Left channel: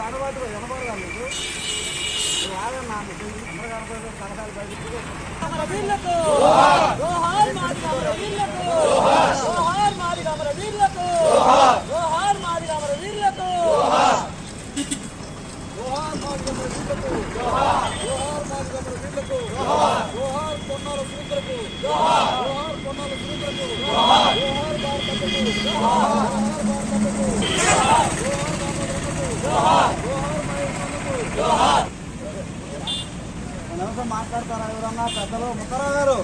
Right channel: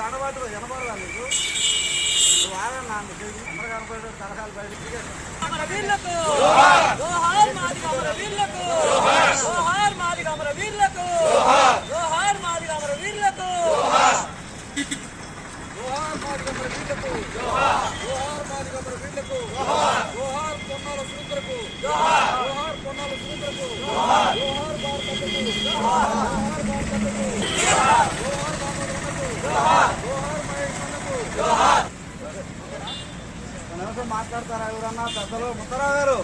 దండబాటు వినపడదా మీకు వీళ్లకు జోహార్ మాదిగ అమర వీళ్లకు జోహార్ మాదిగ అమర వీళ్లకు జోహార్ మాదిగ అమర వీళ్లకు జోహార్ మాదిగ అమర వీళ్లకు జోహార్ మాదిగ అమర వీళ్లకు జోహార్ పొన్నాల సురేంద్రకు జోహార్ పొన్నాల సురేంద్రకు జోహార్ భారతకు జోహార్ భారతకు జోహార్ దామోదరన్నకు జోహార్ మహేశ్వరులకు జోహార్ మాట్లాడతారా ఎవరన్నా పెద్దలు ముక్కరావు గారు